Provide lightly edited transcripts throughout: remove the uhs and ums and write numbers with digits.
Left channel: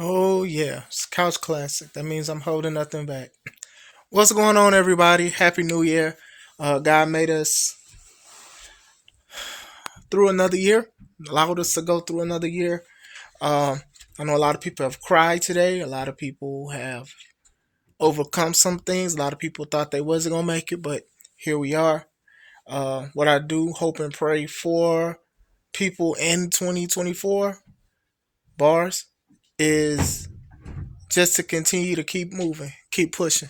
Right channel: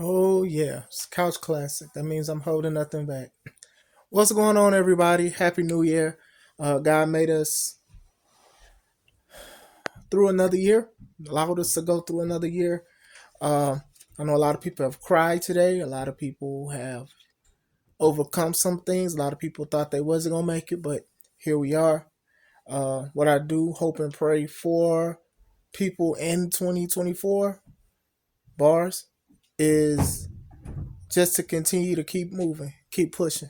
Oh yeah, it's couch classic. That means I'm holding nothing back. What's going on, everybody? Happy New Year. God made us through another year, allowed us to go through another year. Uh, I know a lot of people have cried today. A lot of people have overcome some things. A lot of people thought they wasn't gonna make it, but here we are. What I do, hope and pray for people in 2024 bars is just to continue to keep moving, keep pushing.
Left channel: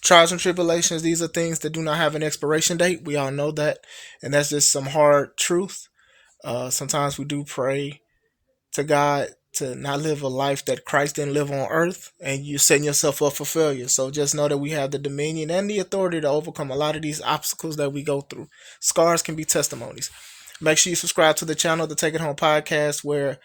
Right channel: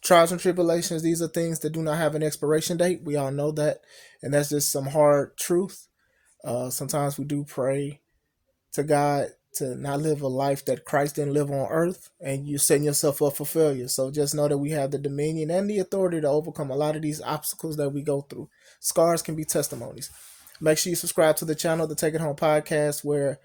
Trials and tribulations, these are things that do not have an expiration date. We all know that. And that's just some hard truth. Sometimes we do pray to God to not live a life that Christ didn't live on earth, and you're setting yourself up for failure. So just know that we have the dominion and the authority to overcome a lot of these obstacles that we go through. Scars can be testimonies. Make sure you subscribe to the channel, the Take It Home podcast, where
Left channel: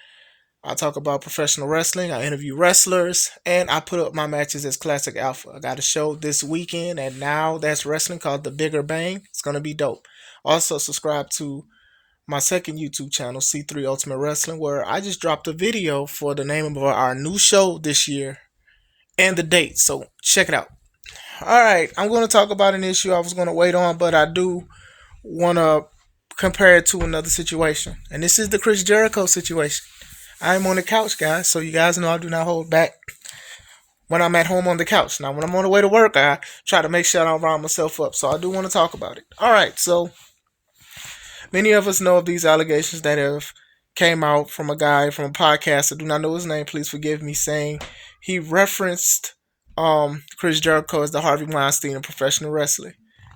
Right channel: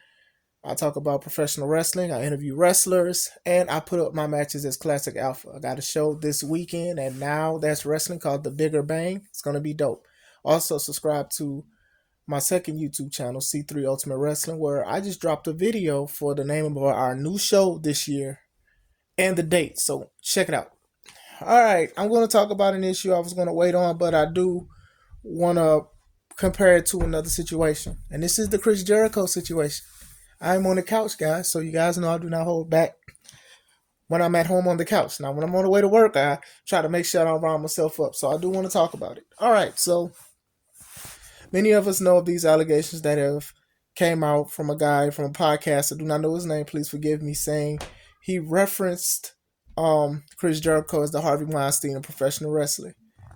I talk about professional wrestling. I interview wrestlers, and I put up my matches as Classic Alpha. I got a show this weekend, and now that's wrestling called The Bigger Bang. It's going to be dope. Also, subscribe to my second YouTube channel, C3 Ultimate Wrestling, where I just dropped a video for the name of our new show this year and the date. So check it out. All right, I'm going to talk about an issue I was going to wait on, but I do want to compare it to another situation. And this is the Chris Jericho situation. I'm on the couch, guys, so you guys know I do not hold back when I'm at home on the couch. Now, when I'm on the way to work, I try to make sure I don't round myself up, so I do want to talk about it. All right, so many of us know of these allegations that have came out from a guy from a podcast. I do not know his name, please forgive me, saying he referenced Chris Jericho as the Harvey Weinstein of professional wrestling.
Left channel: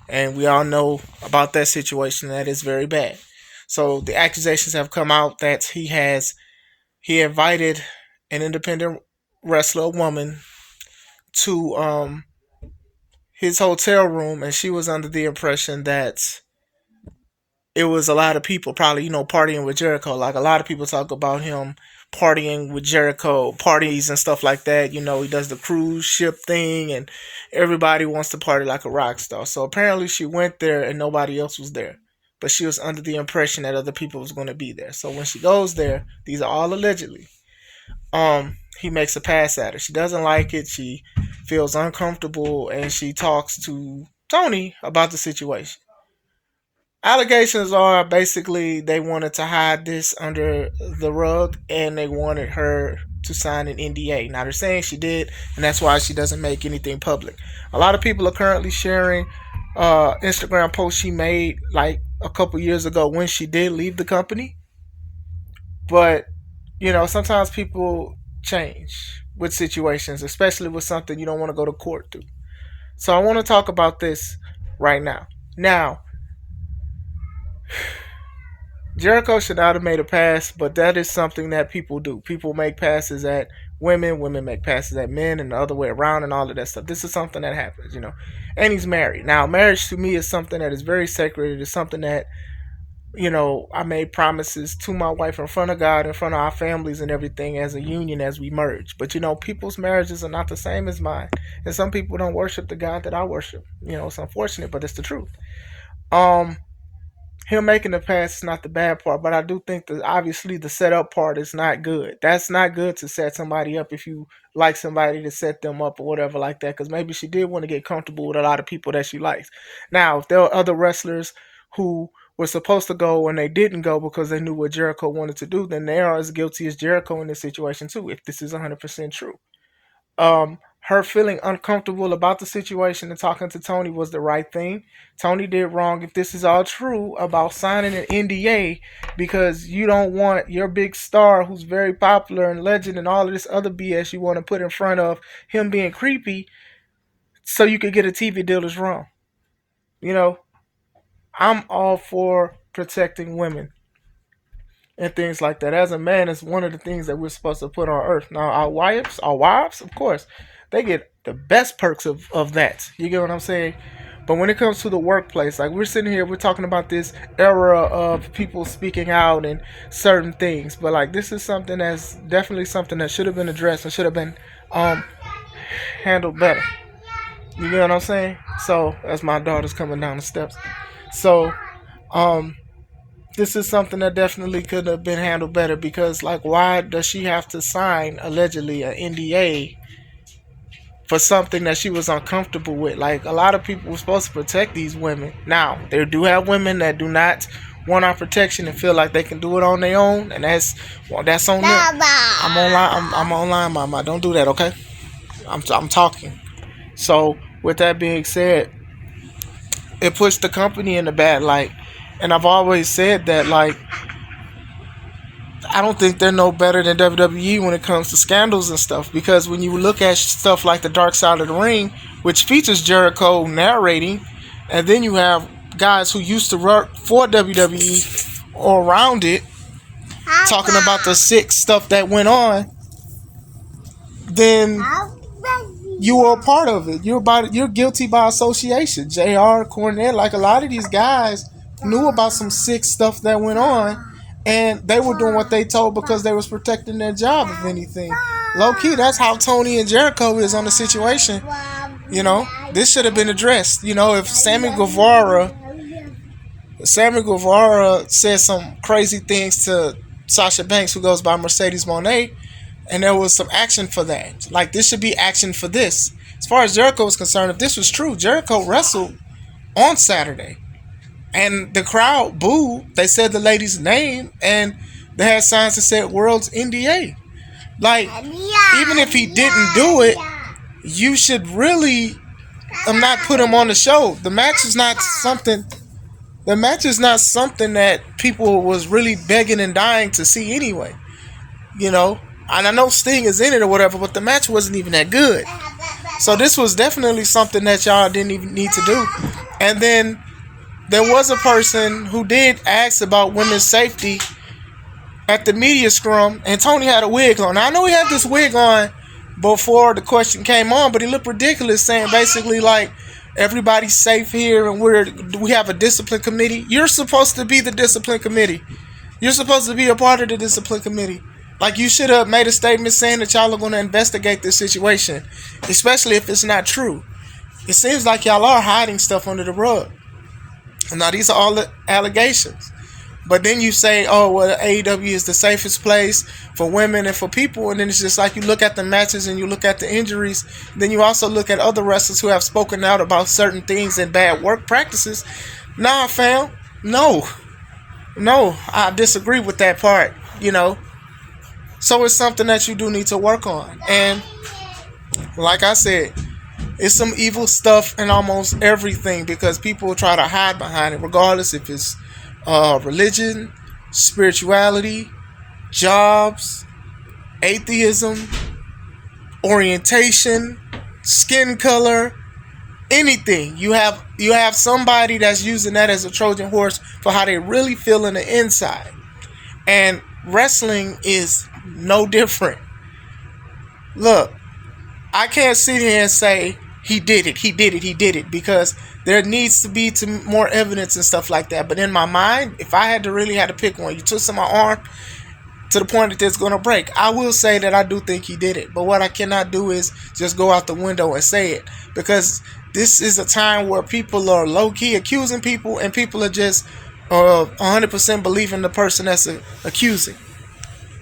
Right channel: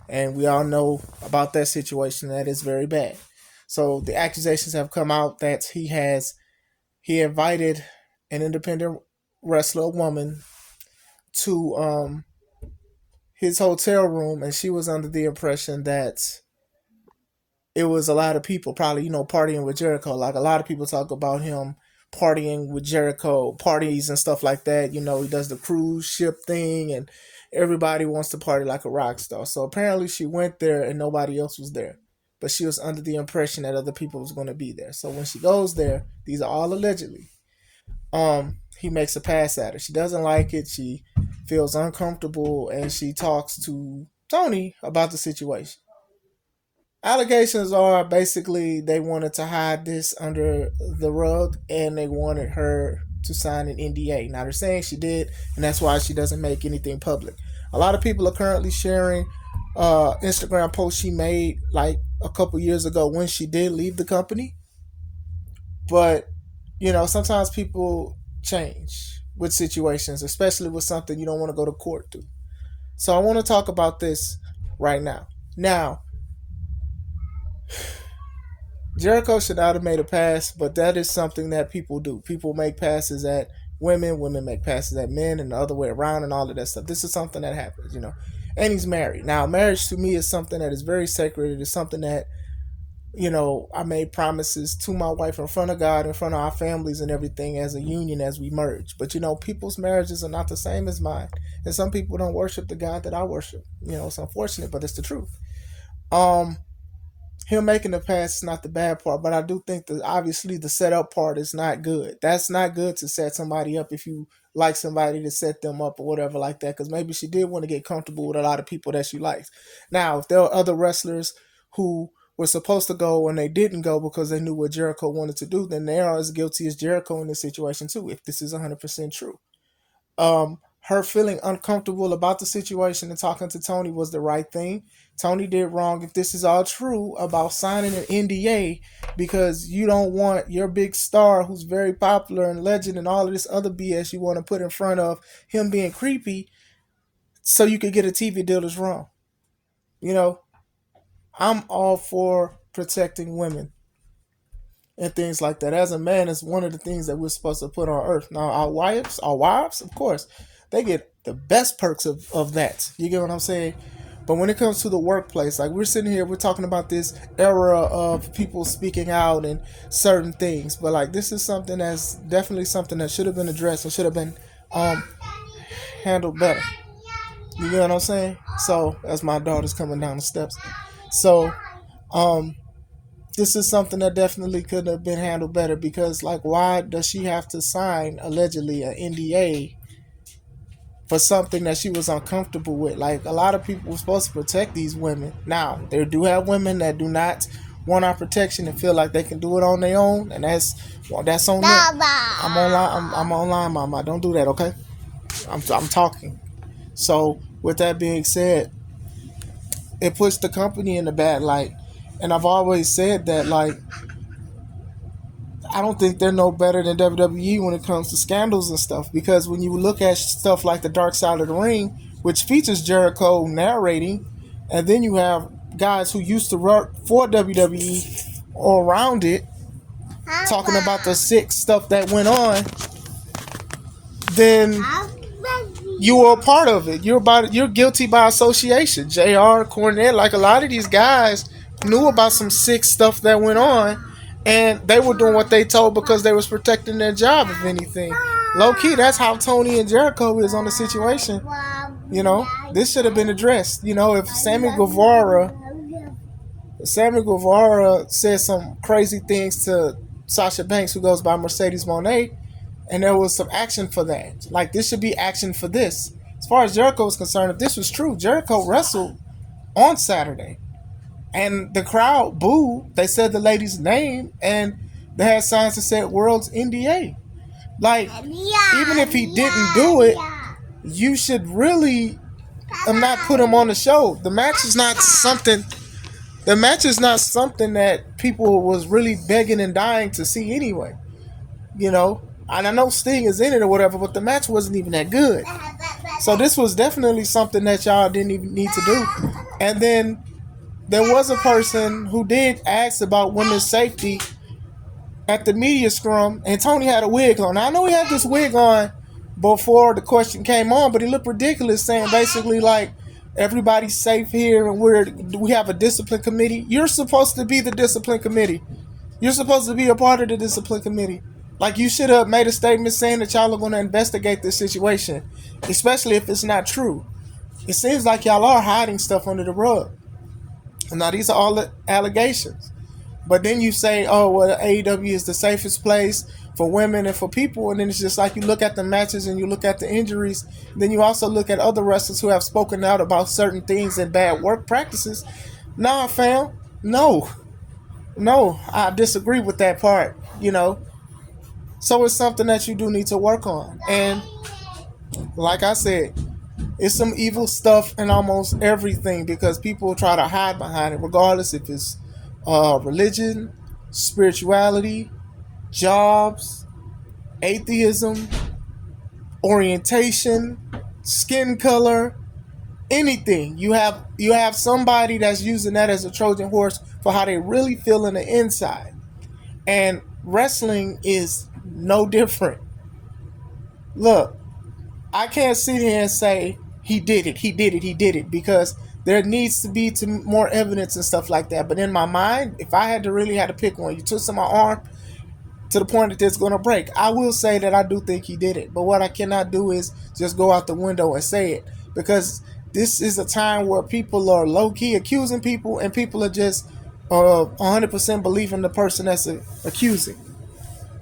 And we all know about that situation. That is very bad. So the accusations have come out that he invited an independent wrestler, a woman, to his hotel room, and she was under the impression that it was a lot of people probably, partying with Jericho. Like a lot of people talk about him partying with Jericho, parties and stuff like that. He does the cruise ship thing, and everybody wants to party like a rock star. So apparently she went there and nobody else was there. But she was under the impression that other people was going to be there. So when she goes there, these are all allegedly, he makes a pass at her. She doesn't like it. She feels uncomfortable, and she talks to Tony about the situation. Allegations are basically they wanted to hide this under the rug, and they wanted her to sign an NDA. Now they're saying she did, and that's why she doesn't make anything public. A lot of people are currently sharing Instagram posts she made like a couple years ago when she did leave the company. But sometimes people change with situations, especially with something you don't want to go to court to. So I want to talk about this right now. Now, Jericho should not have made a pass, but that is something that people do. People make passes at women, women make passes at men, and the other way around, and all of that stuff. This is something that happens. And he's married. Now, marriage to me is something that is very sacred. It is something that I made promises to my wife in front of God, in front of our families and everything as a union as we merge. But people's marriages are not the same as mine. And some people don't worship the God that I worship. It's unfortunate, but it's the truth. Him making the pass is not the bad part, but I do think that obviously the setup part is not good. That's not good to set somebody up if you like somebody to set them up or whatever like that, because maybe she did want to get comfortable with a lot of people that she likes. Now, if there are other wrestlers who were supposed to go and they didn't go because they knew what Jericho wanted to do, then they are as guilty as Jericho in this situation too, if this is 100% true. Her feeling uncomfortable about the situation and talking to Tony was the right thing. Tony did wrong if this is all true about signing an NDA because you don't want your big star who's very popular and legend and all of this other BS you want to put in front of him being creepy so you could get a TV deal is wrong. I'm all for protecting women and things like that. As a man, it's one of the things that we're supposed to put on earth. Now, our wives, of course, they get the best perks of that. You get what I'm saying? But when it comes to the workplace, like we're sitting here, we're talking about this era of people speaking out and certain things. But like this is something that's definitely something that should have been addressed and should have been handled better. You get what I'm saying? So as my daughter's coming down the steps. So this is something that definitely could have been handled better, because like, why does she have to sign allegedly an NDA for something that she was uncomfortable with? Like, a lot of people were supposed to protect these women. Now, there do have women that do not want our protection and feel like they can do it on their own, and that's on them. I'm online, Mama. Don't do that, okay? I'm talking. So, with that being said, it puts the company in a bad light. And I've always said that, like, I don't think they're no better than WWE when it comes to scandals and stuff, because when you look at stuff like The Dark Side of the Ring, which features Jericho narrating, and then you have guys who used to work for WWE or around it talking about the sick stuff that went on, then you are a part of it. You're guilty by association. JR, Cornette, like, a lot of these guys knew about some sick stuff that went on, and they were doing what they told because they was protecting their job, if anything. Low key, that's how Tony and Jericho is on the situation. You know, this should have been addressed. You know, if Sammy Guevara said some crazy things to Sasha Banks, who goes by Mercedes Moné, and there was some action for that. Like, this should be action for this. As far as Jericho is concerned, if this was true, Jericho wrestled on Saturday. And the crowd booed. They said the lady's name, and they had signs that said World's NDA. Like, even if he didn't do it, you should really not put him on the show. The match is not something that people was really begging and dying to see anyway. You know? And I know Sting is in it or whatever, but the match wasn't even that good. So this was definitely something that y'all didn't even need to do. And then there was a person who did ask about women's safety at the media scrum, and Tony had a wig on. Now, I know he had this wig on before the question came on, but he looked ridiculous, saying basically like, everybody's safe here and we have a discipline committee. You're supposed to be the discipline committee. You're supposed to be a part of the discipline committee. Like, you should have made a statement saying that y'all are going to investigate this situation, especially if it's not true. It seems like y'all are hiding stuff under the rug. Now, these are all the allegations. But then you say, oh, well, AEW is the safest place for women and for people. And then it's just like, you look at the matches and you look at the injuries. Then you also look at other wrestlers who have spoken out about certain things and bad work practices. Nah, fam. No, I disagree with that part, you know. So it's something that you do need to work on. And like I said, it's some evil stuff in almost everything, because people try to hide behind it, regardless if it's religion, spirituality, jobs, atheism, orientation, skin color, anything. You have somebody that's using that as a Trojan horse for how they really feel in the inside. And wrestling is no different. Look, I can't sit here and say he did it, because there needs to be more evidence and stuff like that. But in my mind, if I had to pick one, you twist my arm to the point that it's going to break, I will say that I do think he did it. But what I cannot do is just go out the window and say it, because this is a time where people are low-key accusing people, and people are just 100% believing the person that's accusing.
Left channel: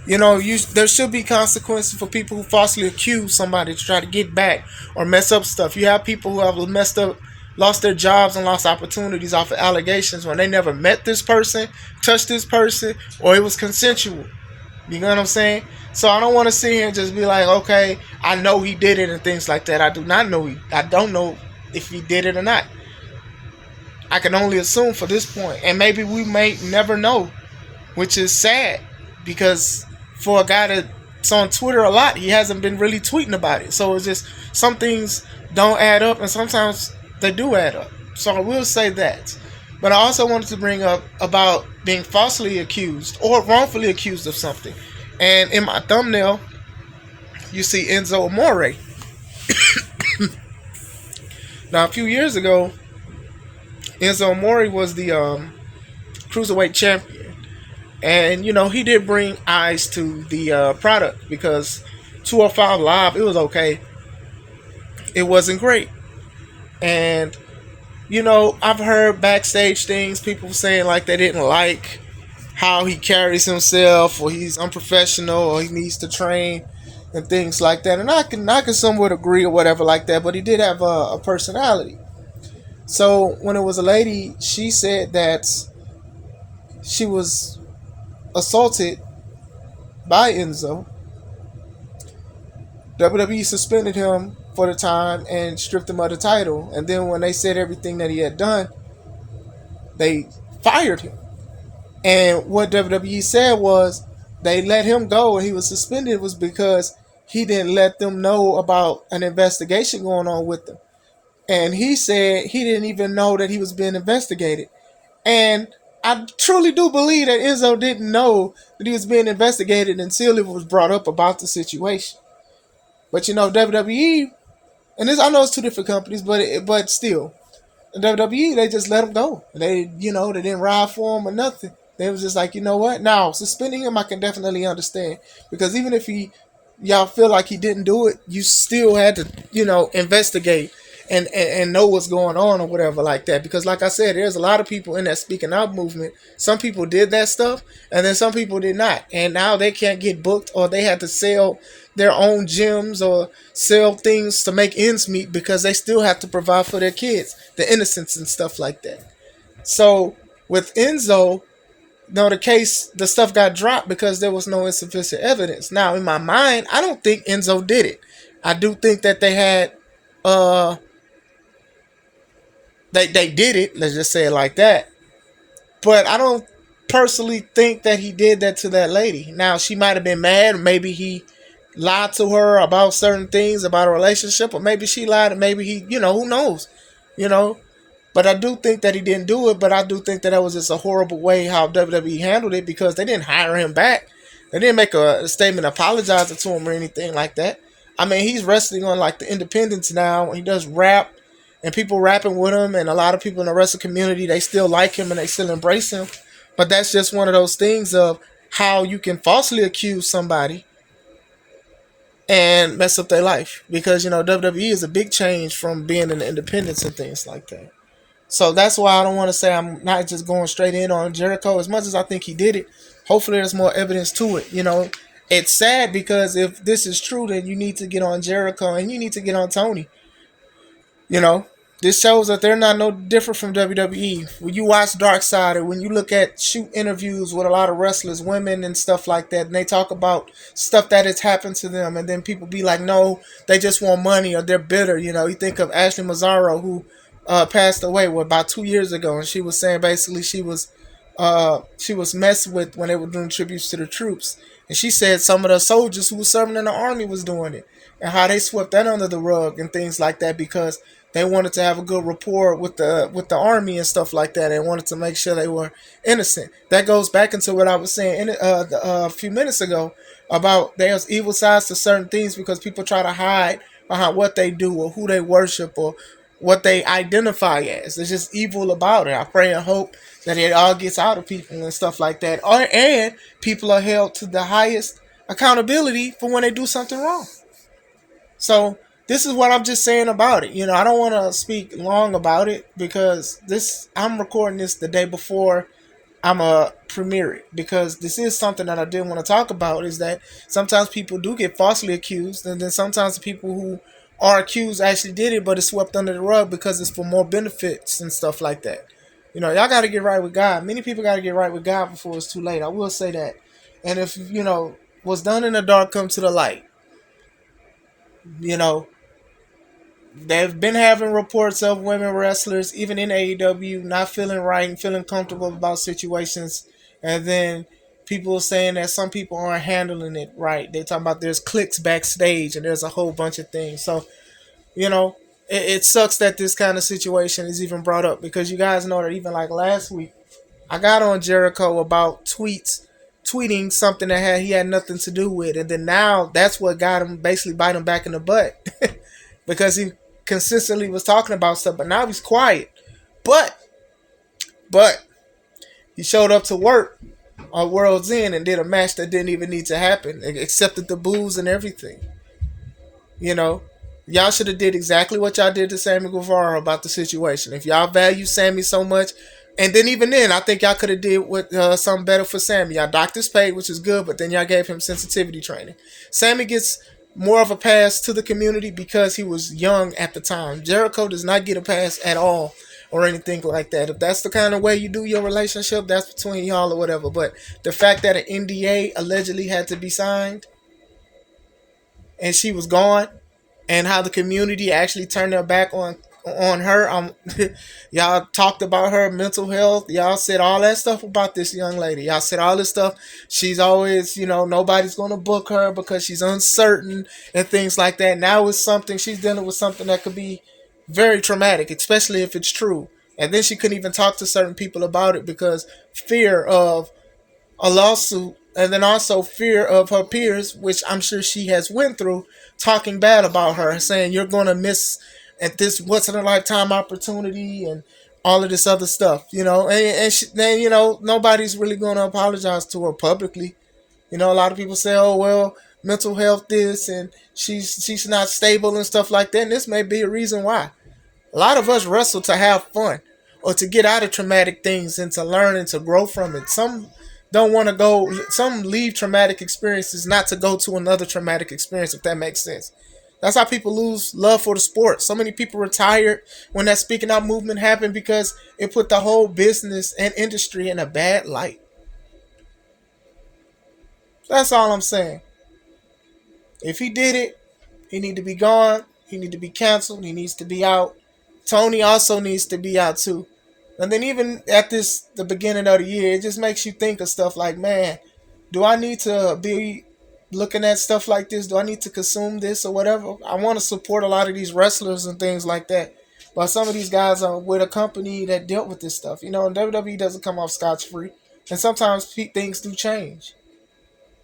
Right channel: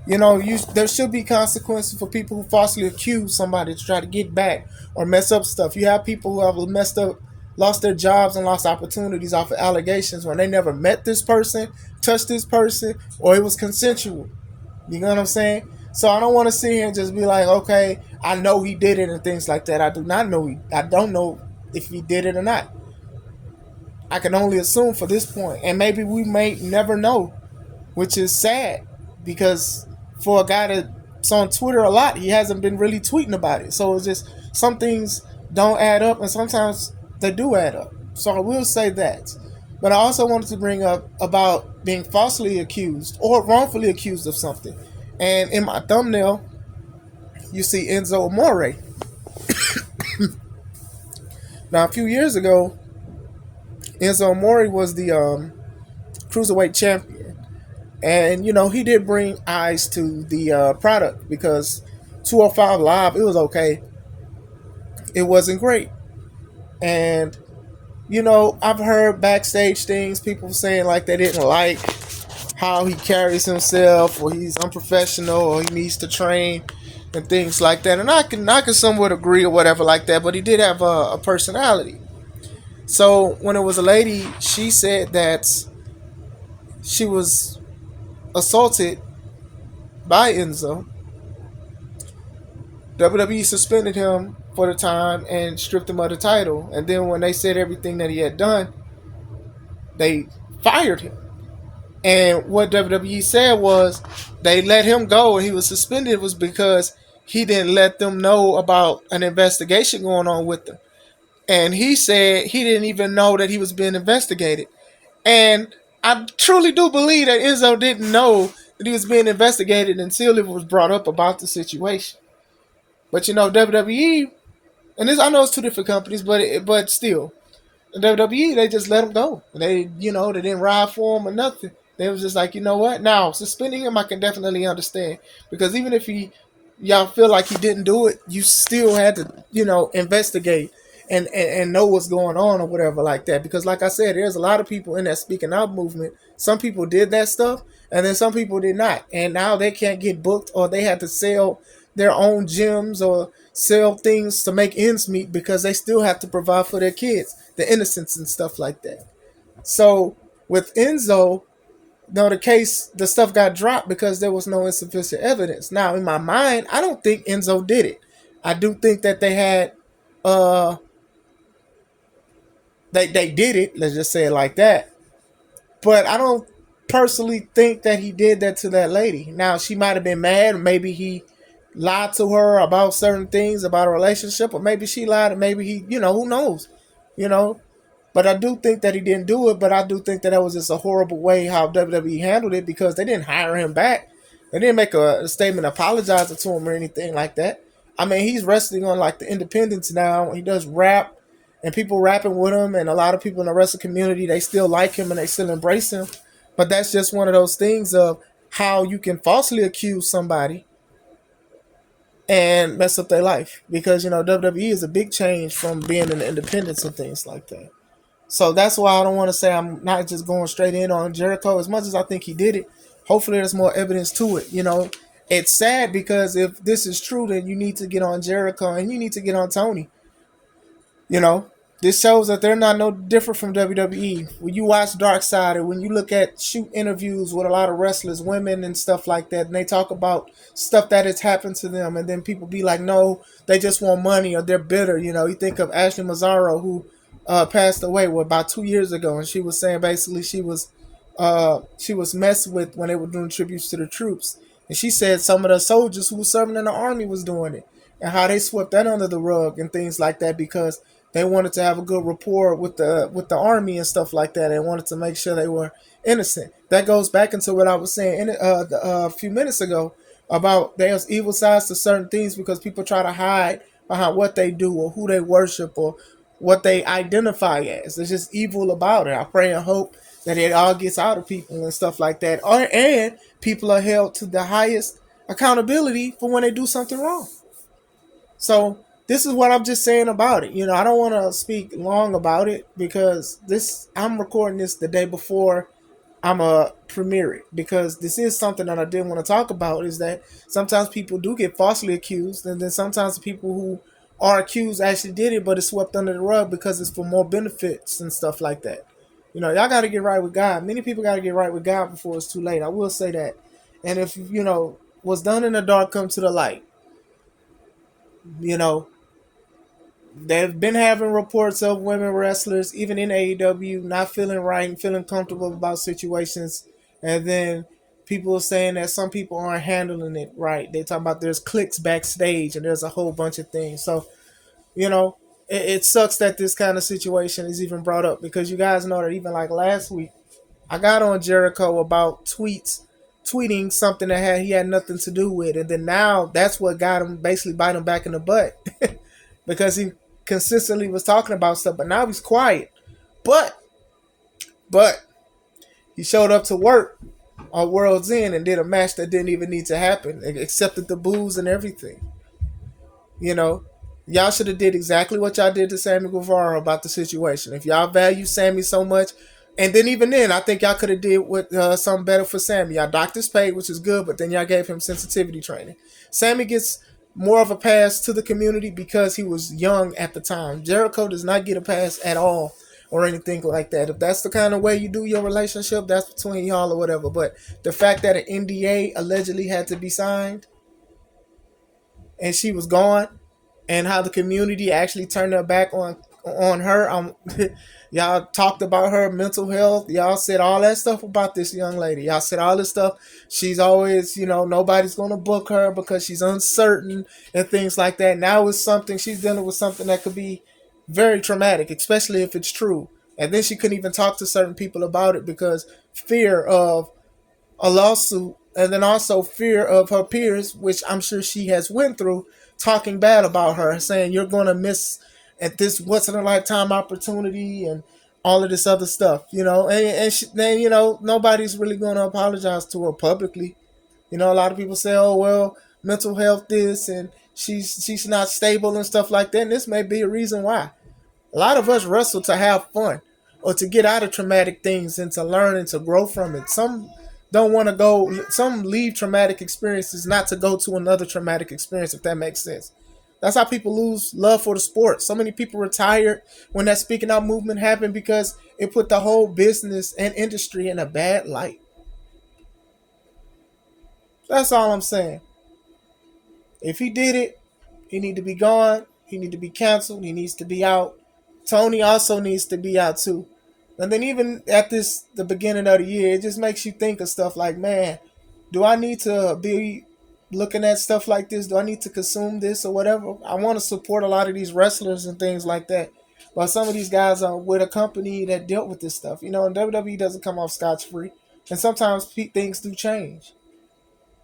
You know, there should be consequences for people who falsely accuse somebody to try to get back or mess up stuff. You have people who have lost their jobs and lost opportunities off of allegations when they never met this person, touched this person, or it was consensual. You know what I'm saying? So I don't want to sit here and just be like, okay, I know he did it and things like that. I don't know if he did it or not. I can only assume for this point. And maybe we may never know, which is sad, because for a guy that's on Twitter a lot, he hasn't been really tweeting about it. So it's just, some things don't add up, and sometimes they do add up. So I will say that. But I also wanted to bring up about being falsely accused or wrongfully accused of something. And in my thumbnail, you see Enzo Amore. Now, a few years ago, Enzo Amore was the cruiserweight champion. And, you know, he did bring eyes to the product, because 205 Live, it was okay. It wasn't great. And, you know, I've heard backstage things, people saying like they didn't like how he carries himself, or he's unprofessional, or he needs to train and things like that. And I can somewhat agree or whatever like that. But he did have a personality. So when it was a lady, she said that she was assaulted by Enzo. WWE suspended him for the time and stripped him of the title. And then when they said everything that he had done, they fired him. And what WWE said was they let him go and he was suspended was because he didn't let them know about an investigation going on with them. And he said he didn't even know that he was being investigated. And I truly do believe that Enzo didn't know that he was being investigated until it was brought up about the situation. But WWE, and this I know it's two different companies, but still, WWE, they just let him go. They didn't ride for him or nothing. They was just like, you know what? Now, suspending him, I can definitely understand. Because even if y'all feel like he didn't do it, you still had to, investigate and know what's going on or whatever like that. Because like I said, there's a lot of people in that speaking out movement. Some people did that stuff, and then some people did not. And now they can't get booked, or they had to sell their own gyms or sell things to make ends meet because they still have to provide for their kids, the innocents and stuff like that. So with Enzo, no, the stuff got dropped because there was no insufficient evidence. Now, in my mind, I don't think Enzo did it. I do think that they had, they did it. Let's just say it like that. But I don't personally think that he did that to that lady. Now, she might have been mad. Maybe he lied to her about certain things about a relationship, or maybe she lied, and maybe he, who knows, you know. But I do think that he didn't do it. But I do think that was just a horrible way how WWE handled it, because they didn't hire him back. They didn't make a statement apologizing to him or anything like that. I mean, he's wrestling on like the independents now. He does rap, and people rapping with him, and a lot of people in the wrestling community, they still like him and they still embrace him. But that's just one of those things of how you can falsely accuse somebody and mess up their life, because WWE is a big change from being in the independents and things like that. So that's why I don't want to say I'm not just going straight in on Jericho as much as I think he did it. Hopefully there's more evidence to it. It's sad because if this is true, then you need to get on Jericho and you need to get on Tony. You know, this shows that they're not no different from WWE. When you watch Dark Side, or when you look at shoot interviews with a lot of wrestlers, women and stuff like that, and they talk about stuff that has happened to them, and then people be like, no, they just want money, or they're bitter. You think of Ashley Mazzaro, who passed away about 2 years ago, and she was saying basically she was messed with when they were doing tributes to the troops, and she said some of the soldiers who were serving in the army was doing it, and how they swept that under the rug and things like that, because they wanted to have a good rapport with the army and stuff like that, and wanted to make sure they were innocent. That goes back into what I was saying a few minutes ago about there's evil sides to certain things, because people try to hide behind what they do or who they worship or what they identify as. There's just evil about it. I pray and hope that it all gets out of people and stuff like that. And people are held to the highest accountability for when they do something wrong. So this is what I'm just saying about it. I don't want to speak long about it, because I'm recording this the day before I'm a premiere it, because this is something that I did want to talk about, is that sometimes people do get falsely accused, and then sometimes the people who are accused actually did it, but it's swept under the rug because it's for more benefits and stuff like that. Y'all got to get right with God. Many people got to get right with God before it's too late. I will say that. And if, what's done in the dark come to the light, they've been having reports of women wrestlers, even in AEW, not feeling right and feeling comfortable about situations. And then people are saying that some people aren't handling it right. They're talking about there's cliques backstage and there's a whole bunch of things. So, it sucks that this kind of situation is even brought up, because you guys know that even like last week, I got on Jericho about tweeting something that he had nothing to do with. And then now that's what got him, basically bite him back in the butt. Because he consistently was talking about stuff, but now he's quiet. But he showed up to work on World's End and did a match that didn't even need to happen, accepted the boos and everything. Y'all should have did exactly what y'all did to Sammy Guevara about the situation. If y'all value Sammy so much, And then even then, I think y'all could have did with something better for Sammy. Y'all doctors paid, which is good, but then y'all gave him sensitivity training. Sammy gets more of a pass to the community because he was young at the time. Jericho does not get a pass at all or anything like that. If that's the kind of way you do your relationship, that's between y'all or whatever. But the fact that an NDA allegedly had to be signed and she was gone, and how the community actually turned their back on her. Y'all talked about her mental health. Y'all said all that stuff about this young lady. Y'all said all this stuff. She's always, nobody's gonna book her because she's uncertain and things like that. Now it's something she's dealing with, something that could be very traumatic, especially if it's true. And then she couldn't even talk to certain people about it because fear of a lawsuit, and then also fear of her peers, which I'm sure she has went through, talking bad about her, saying you're gonna miss at this once in a lifetime opportunity and all of this other stuff, then nobody's really gonna apologize to her publicly. A lot of people say, oh well, mental health this, and she's not stable and stuff like that, and this may be a reason why. A lot of us wrestle to have fun or to get out of traumatic things and to learn and to grow from it. Some don't want to go, some leave traumatic experiences not to go to another traumatic experience, if that makes sense. That's how people lose love for the sport. So many people retired when that speaking out movement happened because it put the whole business and industry in a bad light. That's all I'm saying. If he did it, he need to be gone. He need to be canceled. He needs to be out. Tony also needs to be out too. And then even at the beginning of the year, it just makes you think of stuff like, man, do I need to be looking at stuff like this? Do I need to consume this or whatever? I want to support a lot of these wrestlers and things like that. But some of these guys are with a company that dealt with this stuff. And WWE doesn't come off scotch free. And sometimes things do change.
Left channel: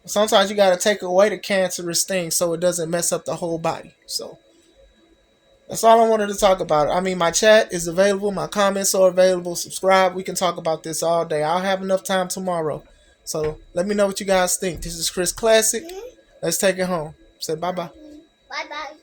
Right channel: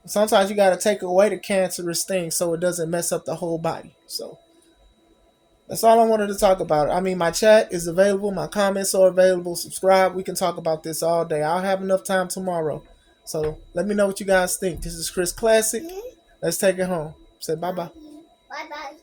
Sometimes you got to take away the cancerous thing so it doesn't mess up the whole body. So that's all I wanted to talk about. I mean, my chat is available. My comments are available. Subscribe. We can talk about this all day. I'll have enough time tomorrow. So let me know what you guys think. This is Chris Classic. Let's take it home. Say bye-bye. Bye-bye.